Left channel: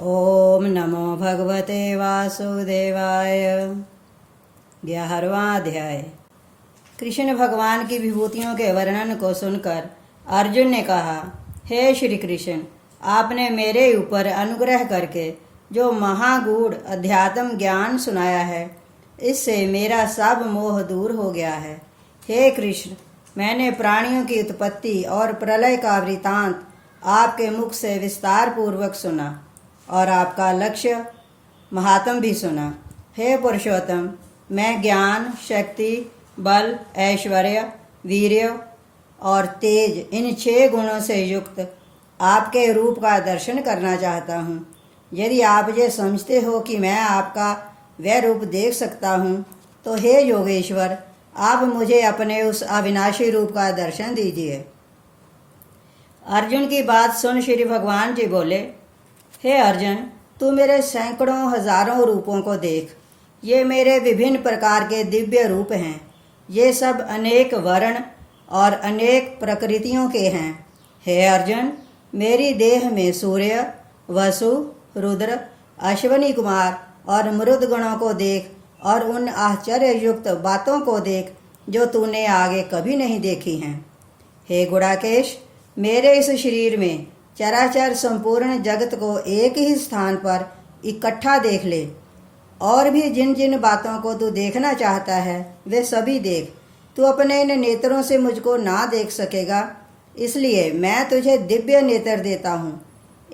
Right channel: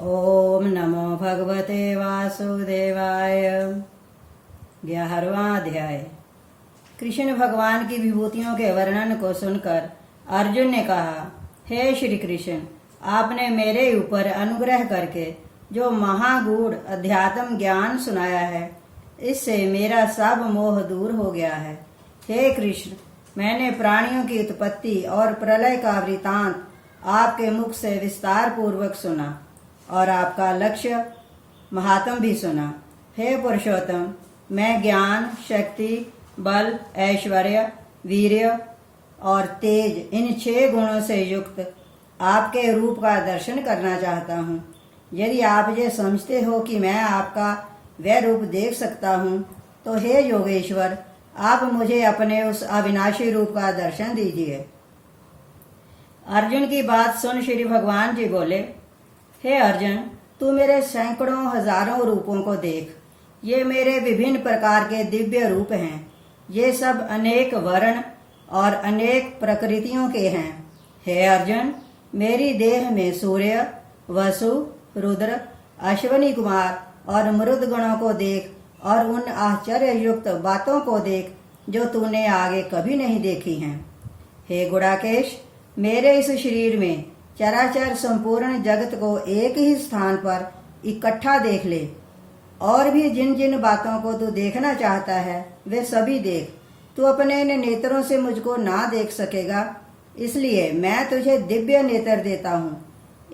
ओम नमो भगवते वासुदेवाय। 11वां अध्याय। कृष्ण भगवान की विभूतियों के वर्णन को सुनकर अर्जुन ने कहा, हे श्री कृष्ण, आपने मेरे ऊपर अनुग्रह करके जो महागूढ़ अध्यात्म ज्ञान सुनाया है, इससे मेरा सब मोह दूर हो गया है। हे कृष्ण, मैंने प्राणियों की उत्पत्ति और प्रलय का वृतांत आपके मुख से विस्तार पूर्वक सुना और आपका लक्ष्य महात्म भी सुना। हे पुरुषोत्तम, मैं ज्ञान, शक्ति, बल, ऐश्वर्य, वीर्य और तेज, इन 6 गुणों से युक्त आपके रूप का दर्शन करना चाहता हूँ। यदि आप ये समझते हो कि मैं आपका वह रूप देख सकता हूँ, तो हे योगेश्वर, आप मुझे अपने उस अविनाशी रूप का दर्शन दीजिए। अर्जुन की बात सुन श्री भगवान जी बोले, हे अर्जुन, तू मेरे सैकड़ों हजारों रूपों को देख। ये मेरे विभिन्न प्रकार के दिव्य रूप हैं। ये सब अनेक वर्ण और अनेक प्रकृतियों के हैं। हे अर्जुन, मेरी देह में सूर्य, वसु, रुद्र, अश्वनी कुमार और मरुद गणों को देख और उन आश्चर्य युक्त बातों को देख जो तूने आगे कभी नहीं देखी हैं। हे गुणाकेश, मेरे इस शरीर में चराचर संपूर्ण जगत को एक ही स्थान पर इकट्ठा देख ले, और भी जिन जिन बातों को तू देखना चाहता है वे सभी देख। तू अपने इन नेत्रों से मुझको ना देख सकेगा, इसलिए मैं तुझे दिव्य नेत्र देता हूँ।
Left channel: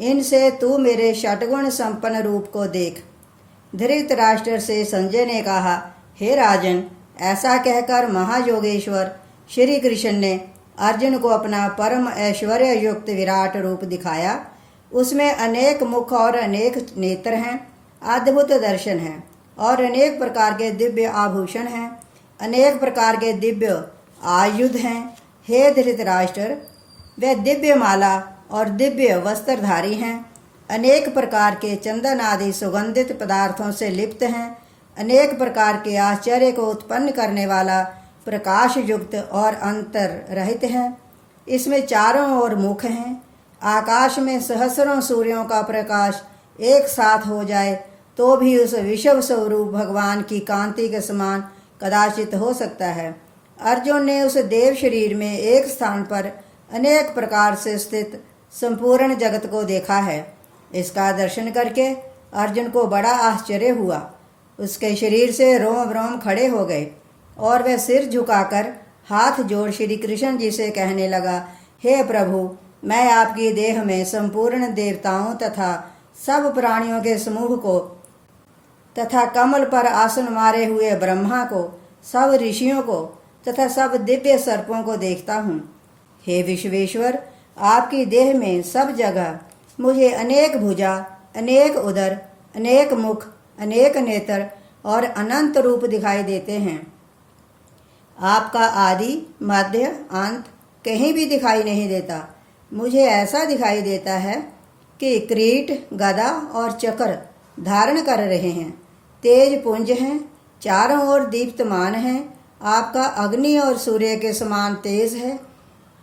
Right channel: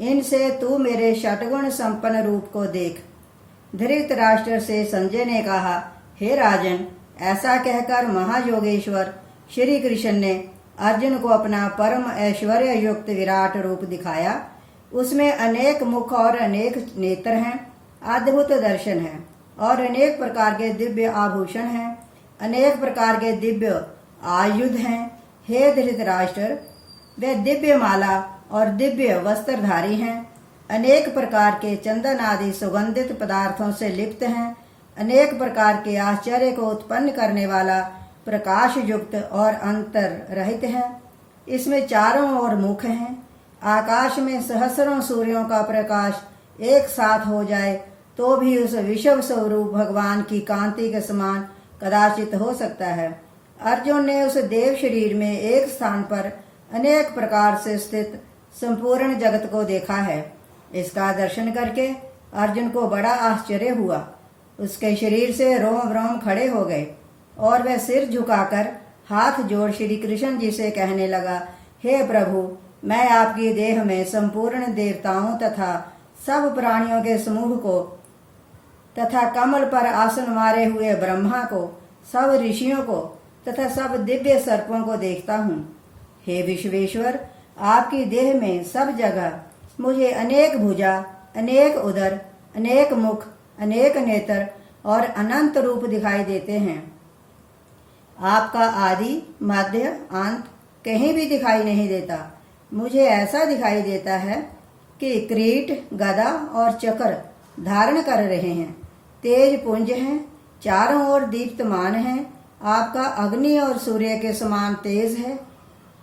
इनसे तू मेरे षटगुण संपन्न रूप को देख। धृतराष्ट्र से संजय ने कहा, हे राजन, ऐसा कहकर महायोगेश्वर श्री कृष्ण ने अर्जुन को अपना परम ऐश्वर्य युक्त विराट रूप दिखाया। उसमें अनेक मुख और अनेक नेत्र हैं, अद्भुत दर्शन है और अनेक प्रकार के दिव्य आभूषण हैं, अनेक प्रकार के दिव्य आयुध हैं। हे धृतराष्ट्र, वे दिव्य माला और दिव्य वस्त्रधारी हैं, अनेक प्रकार के चंदन आदि सुगंधित पदार्थों से लिप्त हैं, अनेक प्रकार के आश्चर्य को उत्पन्न करने वाला प्रकाश युक्त और अंतर रहित है। इसमें चारों ओर मुख हैं। आकाश में सहस्रों सूर्यों का प्रकाश एक साथ हो जाए तो भी उस विश्व स्वरूप भगवान की कांति के समान कदाचित हो सकता है। अर्जुन ने उस देव शरीर में एक स्थान पर अनेक प्रकार से स्थित संपूर्ण जगत को देखा है। इसका दर्शन करके अर्जुन को बड़ा आश्चर्य हुआ। उसके शरीर से रोम रोम खड़े हो गए और वह सिर झुकाकर हाथ जोड़ श्री कृष्ण जी से कहने लगा, हे प्रभु, मैं आपकी देह में संपूर्ण देवताओं तथा सब प्राणियों के समूह को तथा कमल पर आसन मारे हुए ब्रह्मा को, सब ऋषियों को तथा सब दिव्य सर्पों को देखता हूँ। हे विश्वेश्वर, आपकी देह में सब जगह मुझे अनेक भुजा, अनेक उदर, अनेक मुख, अनेक नेत्र और अनंत रूप दिखाई देते हैं। आपका आदि, मध्य, अंत कहीं भी दिखाई नहीं देता। मुझे ऐसा दिखाई देता है कि किरीट, गदा और चक्र धारण कर रहे हैं। तेज पुंज हैं, चारों ओर दीप्तमान हैं। आपका अग्नि और सूर्य के समान तेज है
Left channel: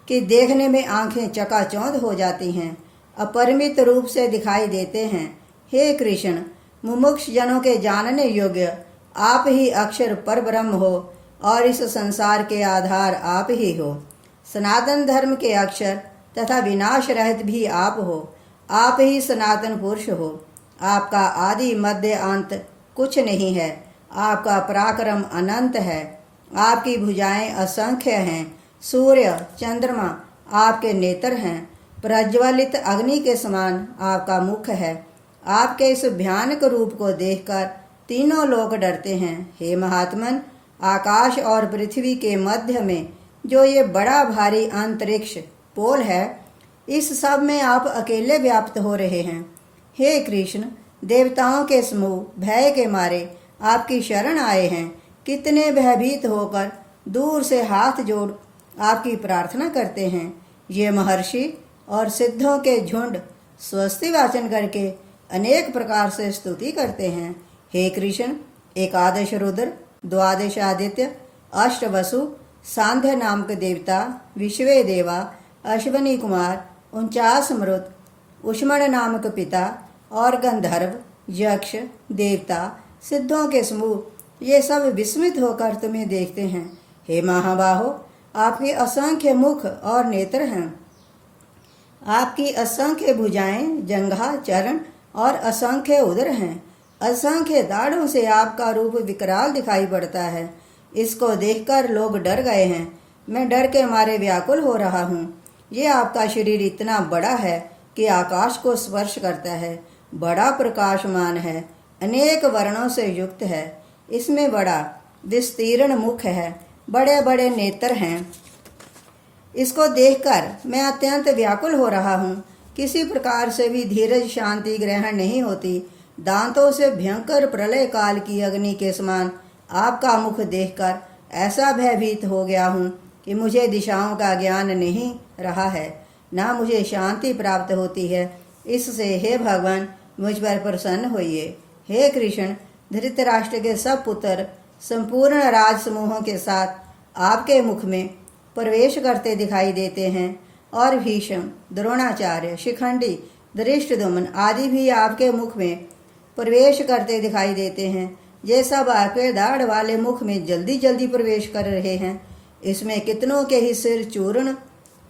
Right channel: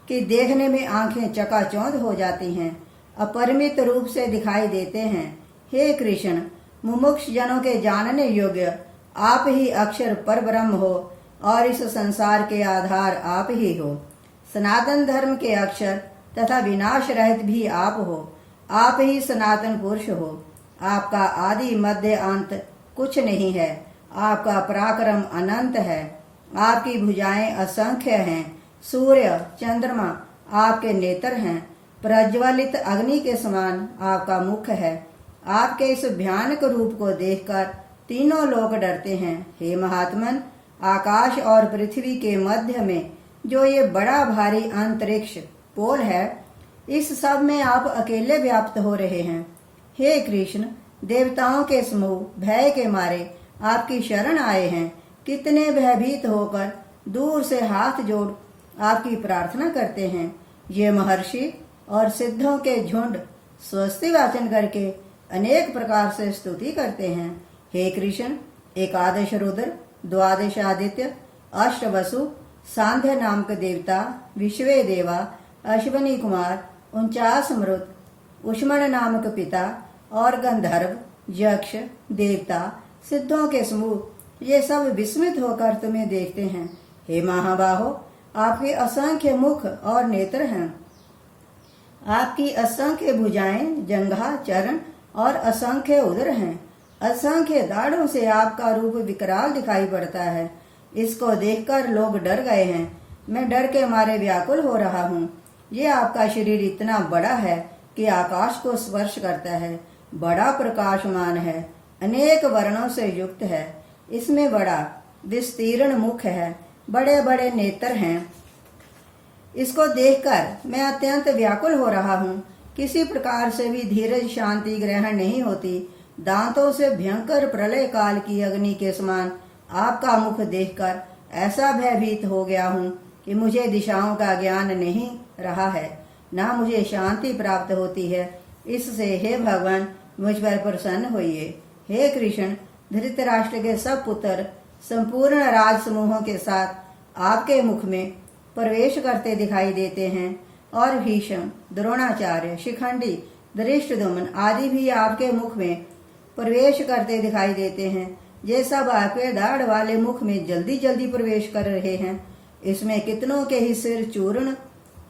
कि देखने में आंखें चकाचौंध हो जाती हैं। अपरिमित रूप से दिखाई देते हैं। हे कृष्ण, मुमुक्ष जनों के जानने योग्य आप ही अक्षर पर ब्रह्म हो और इस संसार के आधार आप ही हो। सनातन धर्म के अक्षर तथा विनाश रहित भी आप हो। आप ही सनातन पुरुष हो। आपका आदि मध्य अंत कुछ नहीं है। आपका पराक्रम अनंत है। आपकी भुजाएं असंख्य हैं। सूर्य, चंद्रमा आपके नेत्र हैं। प्रज्वलित अग्नि के समान आपका मुख है। आपके इस भयानक रूप को देखकर तीनों लोग डरते हैं। हे महात्मन, आकाश और पृथ्वी के मध्य में जो ये बड़ा भारी अंतरिक्ष पोल है, इस सब में आप अकेले व्याप्त हो रहे हैं। हे कृष्ण, देवताओं के समूह भय के मारे आपकी शरण आए हैं। कितने भयभीत होकर दूर से हाथ जोड़ आपकी प्रार्थना करते हैं। ये महर्षि और सिद्धों के झुंड स्वस्ति वाचन करके अनेक प्रकार से स्तुति करते हैं। हे कृष्ण, एकादश रुद्र, द्वादश आदित्य, अष्ट वसु, सांध्य नामक देवता, विश्वे देवा, अश्वनी कुमार, 49 मरुत, उष्मण नामक पिता और गंधर्व, यक्ष, देवता, सिद्धों के समूह ये सब विस्मित होकर तुम्हें देखते हैं। हे महाबाहो, आपके असंख्य मुख और नेत्र हैं। आपकी असंख्य भुजाएं, जंघा, चरण और असंख्य उदर हैं। असंख्य दाढ़ों से आपका रूप विकराल दिखाई पड़ता है। इसको देखकर लोग डर गए हैं। मैं डर के मारे व्याकुल हो रहा हूँ। ये आपका शरीर इतना बड़ा है कि आकाश को स्पर्श करता है, बड़ा प्रकाशमान है, अनेक वर्णों से युक्त है। इसमें बड़ा विस्तीर्ण मुख है, बड़े बड़े नेत्र हैं। इसको देखकर मैं अत्यंत व्याकुल हो रहा हूँ। किसी प्रकार से भी धीरज शांति ग्रहण नहीं होती। दांतों से भयंकर प्रलय काल की अग्नि के समान आपका मुख देखकर ऐसा भयभीत हो गया हूँ कि मुझे दिशाओं का ज्ञान नहीं रहा है, ना मुझे शांति प्राप्त होती है। इससे हे भगवान, मुझ पर प्रसन्न होइए। हे कृष्ण, धृतराष्ट्र के सब पुत्र संपूर्ण राज समूहों के साथ आपके मुख में प्रवेश करते दिखाई देते हैं, और भीष्म, द्रोणाचार्य, शिखंडी, धृष्टद्युम्न आदि भी आपके मुख में प्रवेश करते दिखाई देते हैं। ये सब आपके दाढ़ वाले मुख में जल्दी जल्दी प्रवेश कर रहे हैं। इसमें कितनों के ही सिर चूर्ण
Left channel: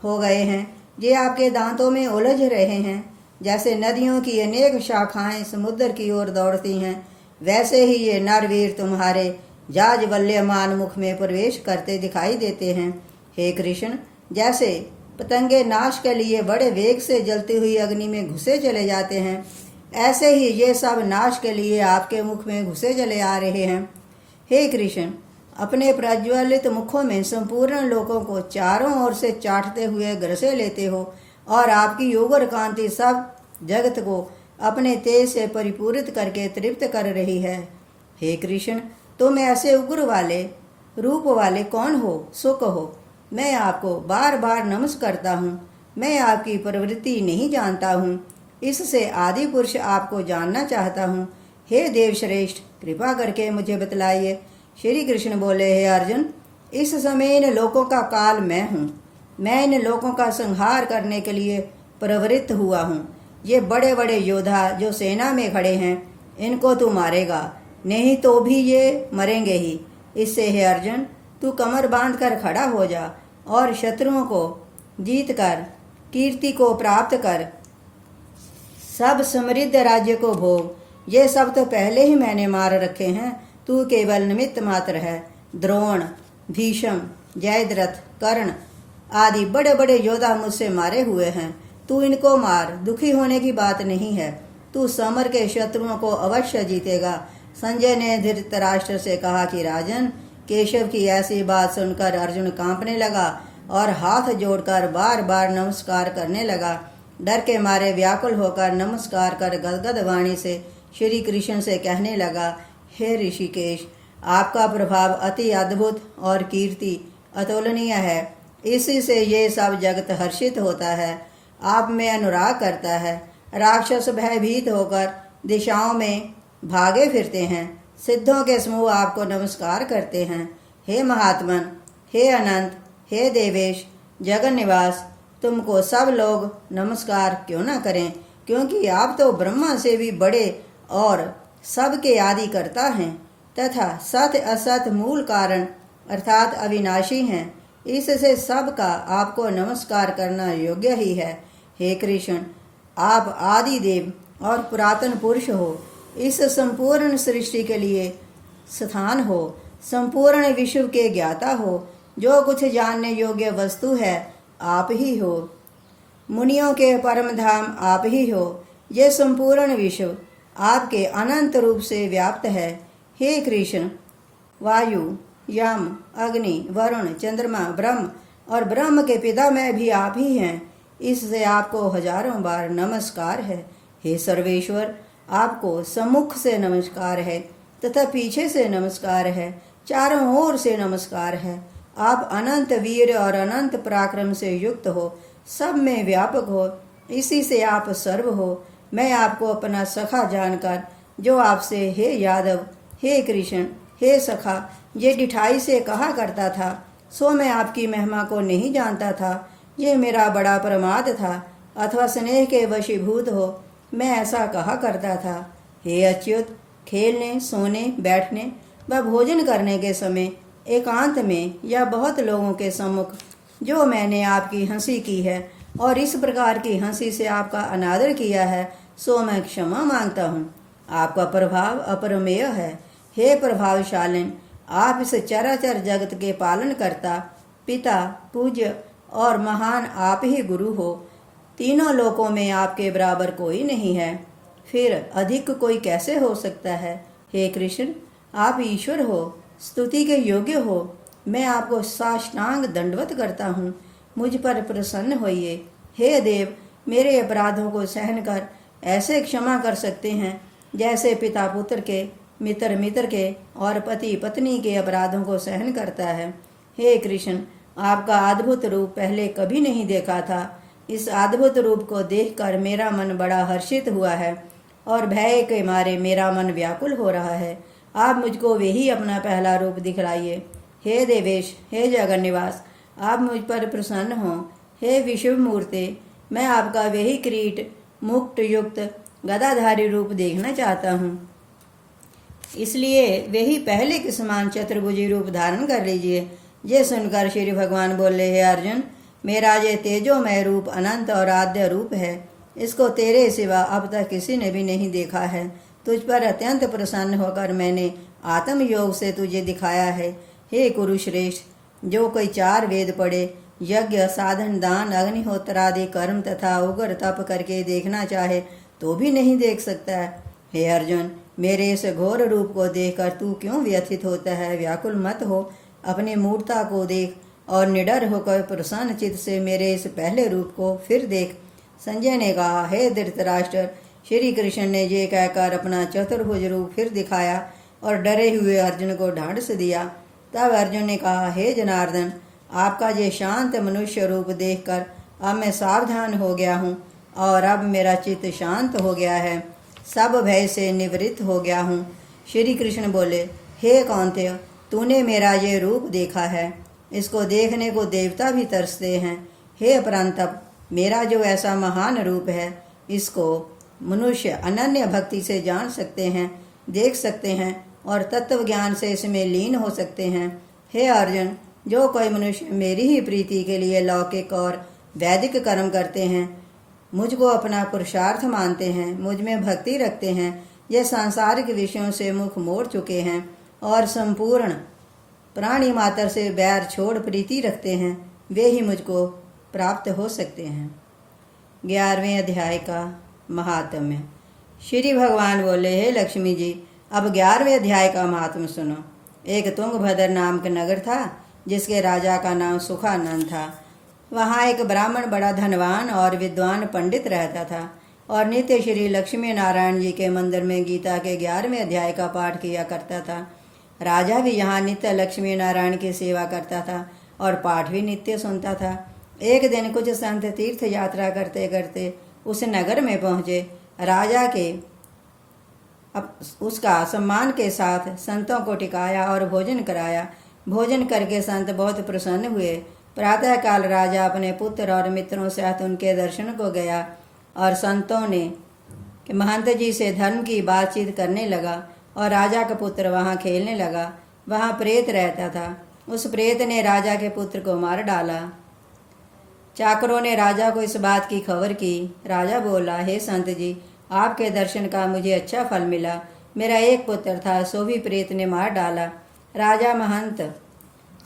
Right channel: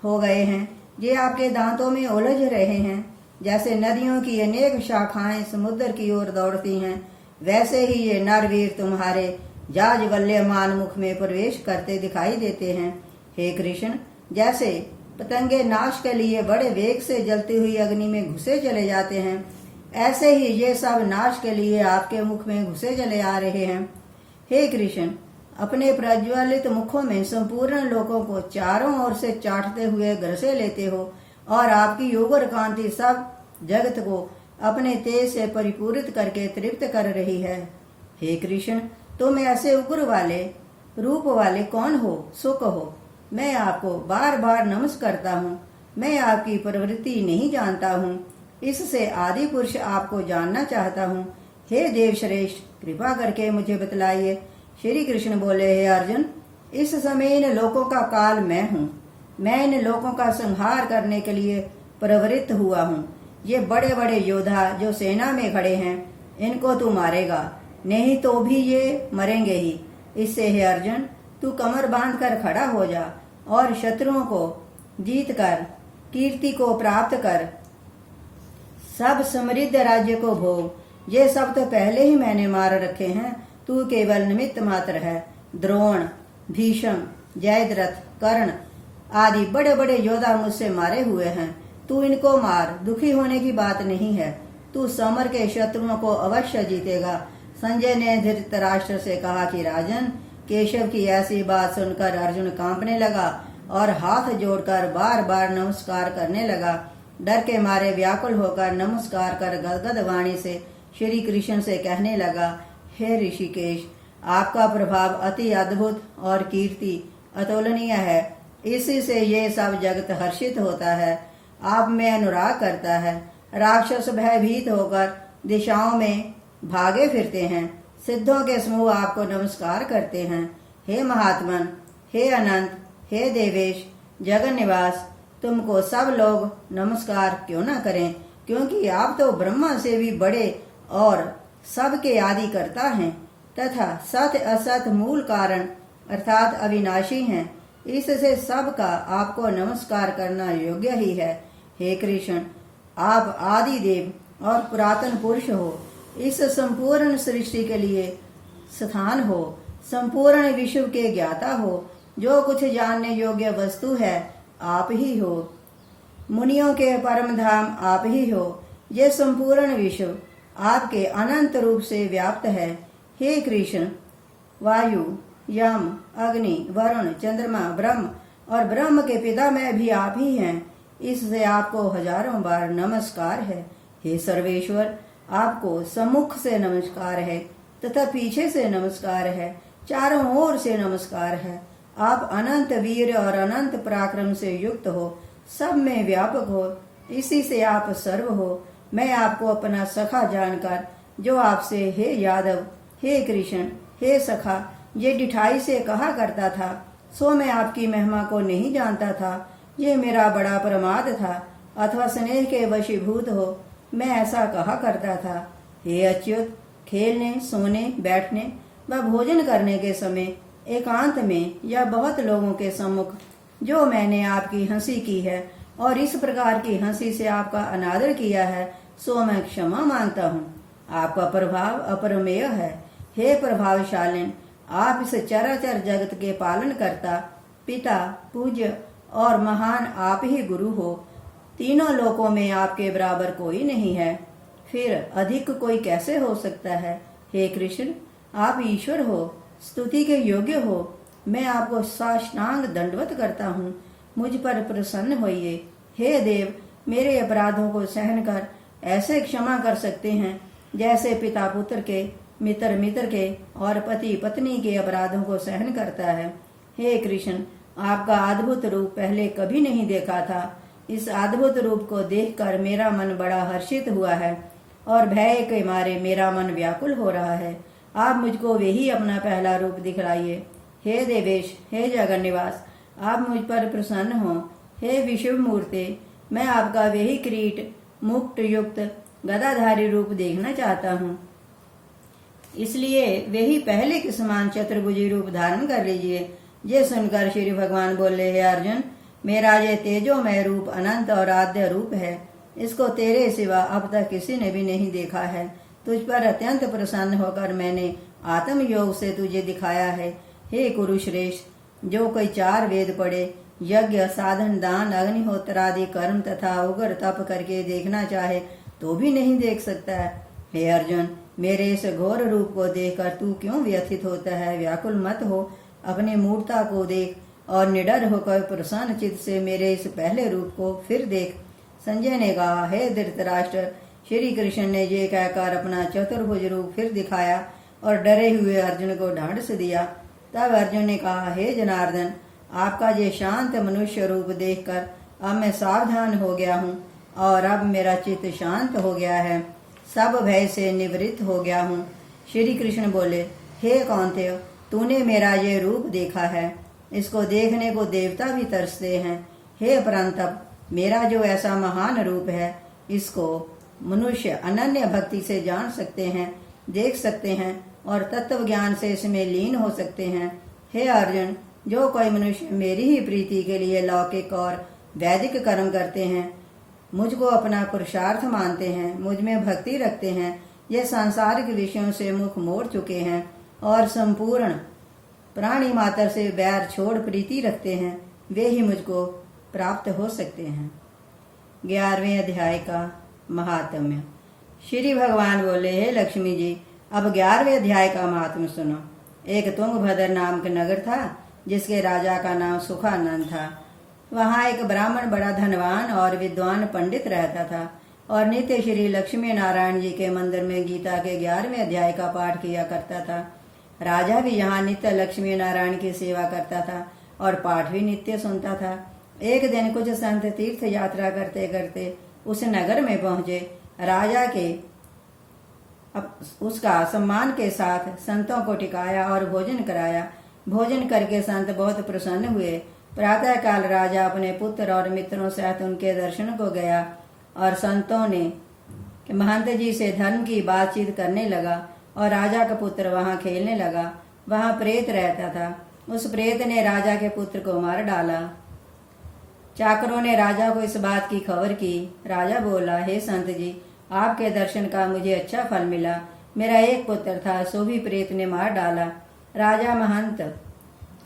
हो गए हैं। ये आपके दांतों में उलझ रहे हैं। जैसे नदियों की अनेक शाखाएं समुद्र की ओर दौड़ती हैं, वैसे ही ये नरवीर तुम्हारे जाज्वल्यमान मुख में प्रवेश करते दिखाई देते हैं। हे कृष्ण, जैसे पतंगे नाश के लिए बड़े वेग से जलती हुई अग्नि में घुसे चले जाते हैं, ऐसे ही ये सब नाश के लिए आपके मुख में घुसे चले आ रहे हैं। हे कृष्ण, अपने प्रज्वलित मुखों में संपूर्ण लोकों को चारों ओर से चाटते हुए ग्रसे लेते हो, और आपकी योगर कांति सब जगत को अपने तेज से परिपूरित करके तृप्त कर रही है। हे कृष्ण, तुम ऐसे उग्र वाले रूप वाले कौन हो? सुख हो। मैं आपको बार बार नमस्कार करता हूँ। मैं आपकी प्रवृत्ति नहीं जानता हूँ, इससे आदि पुरुष आपको जानना चाहता हूँ। हे देव श्रेष्ठ, कृपा करके मुझे बतलाइए। श्री कृष्ण बोले, हे अर्जुन, इस समय इन लोकों का काल मैं हूँ। मैं इन लोकों का संहार करने के लिए प्रवृत्त हुआ हूँ। ये बड़े बड़े योद्धा जो सेना में खड़े हैं, इनको तू मारेगा, नहीं तो भी ये मरेंगे ही। इससे हे अर्जुन, तू कमर बांध कर खड़ा हो जा और शत्रुओं को जीत कर कीर्ति को प्राप्त कर सब समृद्ध राज्य को भोग। ये सब तो पहले ही मैंने मार रखे हैं, तू केवल निमित्त मात्र है। द्रोण, भीष्म, जयद्रथ, कर्ण आदि बड़े बड़े योद्धा मुझसे मारे हुए हैं। तू इनको मार, दुखी होने की बात नहीं है। तू समर के शत्रुओं को अवश्य जीतेगा। संजय ने धृतराष्ट्र से कहा कि राजन, केशव की ऐसी बात सुनकर अर्जुन कांपने लगा और हाथ जोड़कर बार बार नमस्कार करने लगा। डर के मारे व्याकुल होकर नमस्कार कर गदगद वाणी से श्री कृष्ण से कहने लगा, हे ऋषिकेश, आपका प्रभाव अति अद्भुत और कीर्ति अतुलनीय है। इसी से ये सब जगत हर्षित होता है, आप में अनुराग करता है। राक्षस भयभीत होकर दिशाओं में भागे फिरते हैं। सिद्धों के समूह आपको नमस्कार करते हैं। हे महात्मन, हे अनंत, हे देवेश, जगन निवास, तुमको सब लोग नमस्कार क्यों न करें, क्योंकि आप तो ब्रह्मा से भी बड़े और सबके आदि करता हैं तथा सत असत मूल कारण अर्थात अविनाशी हैं। इससे सबका आपको नमस्कार करना योग्य ही है। हे कृष्ण, आप आदि देव और पुरातन पुरुष हो। इस संपूर्ण सृष्टि के लिए स्थान हो, संपूर्ण विश्व के ज्ञाता हो। जो कुछ जानने योग्य वस्तु है आप ही हो। मुनियों के परम धाम आप ही हो। ये संपूर्ण विश्व आपके अनंत रूप से व्याप्त है। हे कृष्ण, वायु, यम, अग्नि, वरुण, चंद्रमा, ब्रह्म और ब्रह्म के पितामह भी आप ही हैं। इससे आपको हजारों बार नमस्कार है। हे सर्वेश्वर, आपको सम्मुख से नमस्कार है तथा पीछे से नमस्कार है, चारों ओर से नमस्कार है। आप अनंत वीर और अनंत पराक्रम से युक्त हो, सब में व्यापक हो, इसी से आप सर्व हो। मैं आपको अपना सखा जानकर जो आपसे हे यादव, हे कृष्ण, हे सखा ये डिठाई से कहा करता था, सो मैं आपकी महिमा को नहीं जानता था। ये मेरा बड़ा प्रमाद था, अथवा स्नेह के वशीभूत हो मैं ऐसा कहा करता था। हे अच्युत, खेलने, सोने, बैठने व भोजन करने के समय एकांत में या बहुत लोगों के सम्मुख जो मैंने आपकी हंसी की है और इस प्रकार की हंसी से आपका अनादर किया है, सो मैं क्षमा मांगता हूँ। आपका प्रभाव अपरमेय है। हे प्रभावशालिन, आप इस चराचर जगत के पालन करता, पिता, पूज्य और महान आप ही गुरु हो। तीनों लोकों में आपके बराबर कोई नहीं है, फिर अधिक कोई कैसे हो सकता है। हे कृष्ण, आप ईश्वर हो, स्तुति के योग्य हो। मैं आपको साष्टांग दंडवत करता हूँ, मुझ पर प्रसन्न होइए। हे देव, मेरे अपराधों को सहन कर ऐसे क्षमा कर सकते हैं जैसे पिता पुत्र के, मित्र मित्र के और पति पत्नी के अपराधों को सहन करता है। हे कृष्ण, आपका अद्भुत रूप पहले कभी नहीं देखा था। इस अद्भुत रूप को देखकर मेरा मन बड़ा हर्षित हुआ है और भय के मारे मेरा मन व्याकुल हो रहा है। आप मुझको वही अपना पहला रूप दिखलाइए। हे देवेश, हे जगन्निवास, आप मुझ पर प्रसन्न हो। हे विश्व मूर्ते, मैं आपका वही किरीट मुक्त युक्त गदाधारी रूप देखना चाहता हूँ, इसलिए वही पहले के समान चतुर्भुजी रूप धारण कर लीजिए। ये सुनकर श्री भगवान बोले, हे अर्जुन, मेरा ये तेजोमय रूप अनंत और आद्य रूप है। इसको तेरे सिवा अब तक किसी ने भी नहीं देखा है। तुझ पर अत्यंत प्रसन्न होकर मैंने आत्म योग से तुझे दिखाया है। हे कुरुश्रेष्ठ, जो कोई 4 वेद पढ़े, यज्ञ, साधन, दान, अग्निहोत्र आदि कर्म तथा उग्र तप करके देखना चाहे तो भी नहीं देख सकता है। हे अर्जुन, मेरे इस घोर रूप को देखकर तू क्यों व्यथित होता है? व्याकुल मत हो, अपनी मूर्ता को देख और निडर होकर प्रसन्न चित्त से मेरे इस पहले रूप को फिर देख। संजय ने कहा, हे धृतराष्ट्र, श्री कृष्ण ने ये कहकर अपना चतुर्भुज रूप फिर दिखाया और डरे हुए अर्जुन को ढांढस दिया। तब अर्जुन ने कहा, हे जनार्दन, आपका ये शांत मनुष्य रूप देखकर अब मैं सावधान हो गया हूँ और अब मेरा चित्त शांत हो गया है, सब भय से निवृत्त हो गया हूँ। श्री कृष्ण बोले, हे कौन्तेय, तूने मेरा ये रूप देखा है, इसको देखने को देवता भी तरसते हैं। हे परंतप, मेरा जो ऐसा महान रूप है, इसको मनुष्य अनन्य भक्ति से जान सकते हैं, देख सकते हैं और तत्व ज्ञान से इसमें लीन हो सकते हैं। हे अर्जुन, जो कोई मनुष्य मेरी ही प्रीति के लिए लौकिक और वैदिक कर्म करते हैं, मुझको अपना पुरुषार्थ मानते हैं, मुझ में भक्ति रखते हैं, ये सांसारिक विषयों से मुख मोड़ चुके हैं और संपूर्ण प्राणी मात्र से बैर छोड़ प्रीति रखते हैं, वे ही मुझको प्राप्त हो सकते हैं। 11वें अध्याय का महात्म्य। श्री भगवान बोले, हे लक्ष्मी जी, अब 11वें अध्याय का महात्म्य सुनो। एक तुंगभद्र नाम का नगर था, जिसके राजा का नाम सुखानंद था। वहाँ एक ब्राह्मण बड़ा धनवान और विद्वान पंडित रहता था और नित्य श्री लक्ष्मी नारायण जी के मंदिर में गीता के 11वें अध्याय का पाठ किया करता था। राजा भी यहाँ नित्य लक्ष्मी नारायण की सेवा करता था और पाठ भी नित्य सुनता था। एक दिन कुछ संत तीर्थ यात्रा करते करते उस नगर में पहुँचे। राजा के उसका सम्मान के साथ संतों को टिकाया और भोजन कराया। भोजन करके संत बहुत प्रसन्न हुए। प्रातः काल राजा अपने पुत्र और मित्रों से साथ उनके दर्शन को गया और संतों ने महंत जी से धर्म की बातचीत करने लगा और राजा का पुत्र वहाँ खेलने लगा। वहाँ प्रेत रहता था। उस प्रेत ने राजा के पुत्र को मार डाला। चाकरों ने राजा को इस बात की खबर की। राजा बोला, हे संत जी, आपके दर्शन का मुझे अच्छा फल मिला। मेरा एक पुत्र था, सो भी प्रेत ने मार डाला। राजा महंत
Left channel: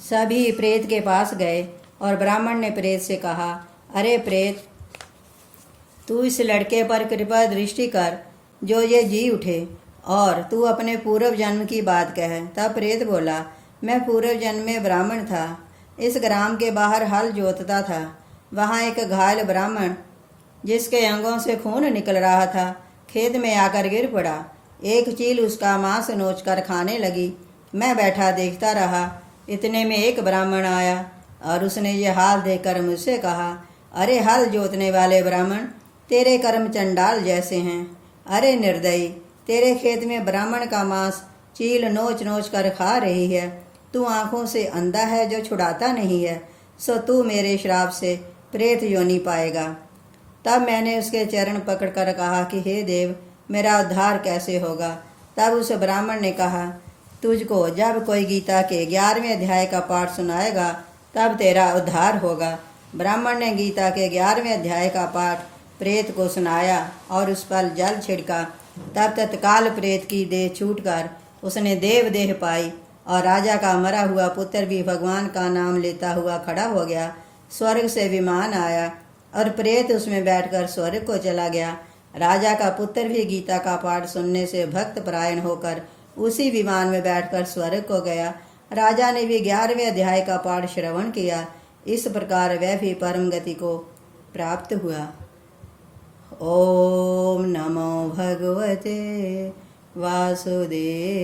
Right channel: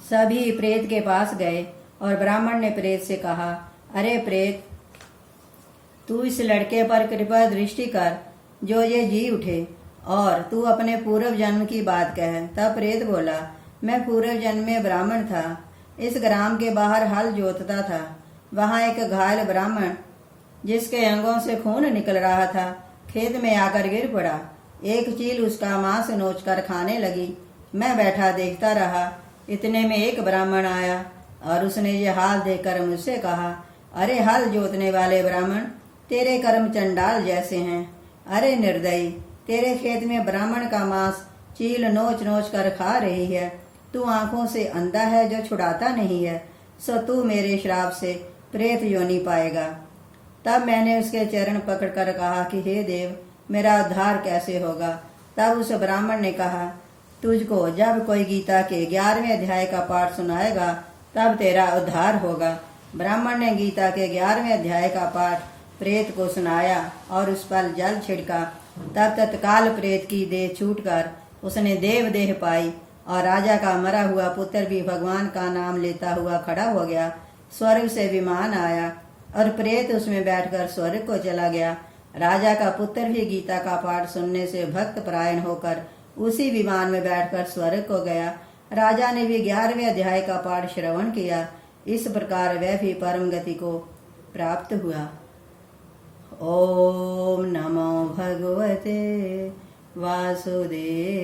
सभी प्रेत के पास गए और ब्राह्मण ने प्रेत से कहा, अरे प्रेत, तू इस लड़के पर कृपा दृष्टि कर जो ये जी उठे और तू अपने पूर्व जन्म की बात कह। तब प्रेत बोला, मैं पूर्व जन्म में ब्राह्मण था, इस ग्राम के बाहर हल जोतता था। वहाँ एक घायल ब्राह्मण जिसके अंगों से खून निकल रहा था, खेत में आकर गिर पड़ा। एक चील उसका मांस नोचकर खाने लगी। मैं बैठा देखता रहा। इतने में एक ब्राह्मण आया और उसने ये हाल देखकर मुझसे कहा, अरे हल जोतने वाले ब्राह्मण, तेरे कर्म चंडाल जैसे हैं। अरे निर्दयी, तेरे खेत में ब्राह्मण का मांस चील नोच नोच कर खा रही है। तू आंखों से अंधा है जो छुड़ाता नहीं है, सो तू मेरे श्राप से प्रेत योनि पाएगा। तब मैंने उसके चरण पकड़कर कहा कि हे देव, मेरा उद्धार कैसे होगा। तब उस ब्राह्मण ने कहा, तुझको जब कोई गीता के 11वें अध्याय का पाठ सुनाएगा तब तेरा उद्धार होगा। ब्राह्मण ने गीता के 11वें अध्याय का पाठ प्रेत को सुनाया और उस पर जल छिड़का। तब तत्काल प्रेत की देह छूटकर उसने देव देह पाई और राजा का मरा हुआ पुत्र भी भगवान का नाम लेता हुआ खड़ा हो गया। स्वर्ग से विमान आया और प्रेत उसमें बैठकर स्वर्ग को चला गया। राजा का पुत्र भी गीता का पाठ सुनने से भक्त परायण होकर उसी विमान में बैठकर स्वर्ग को गया। राजा ने भी 11वें अध्याय का पाठ श्रवण किया। इस प्रकार वह भी परम गति को प्राप्त हुआ। ओम नमो भगवते वासुदेवाय।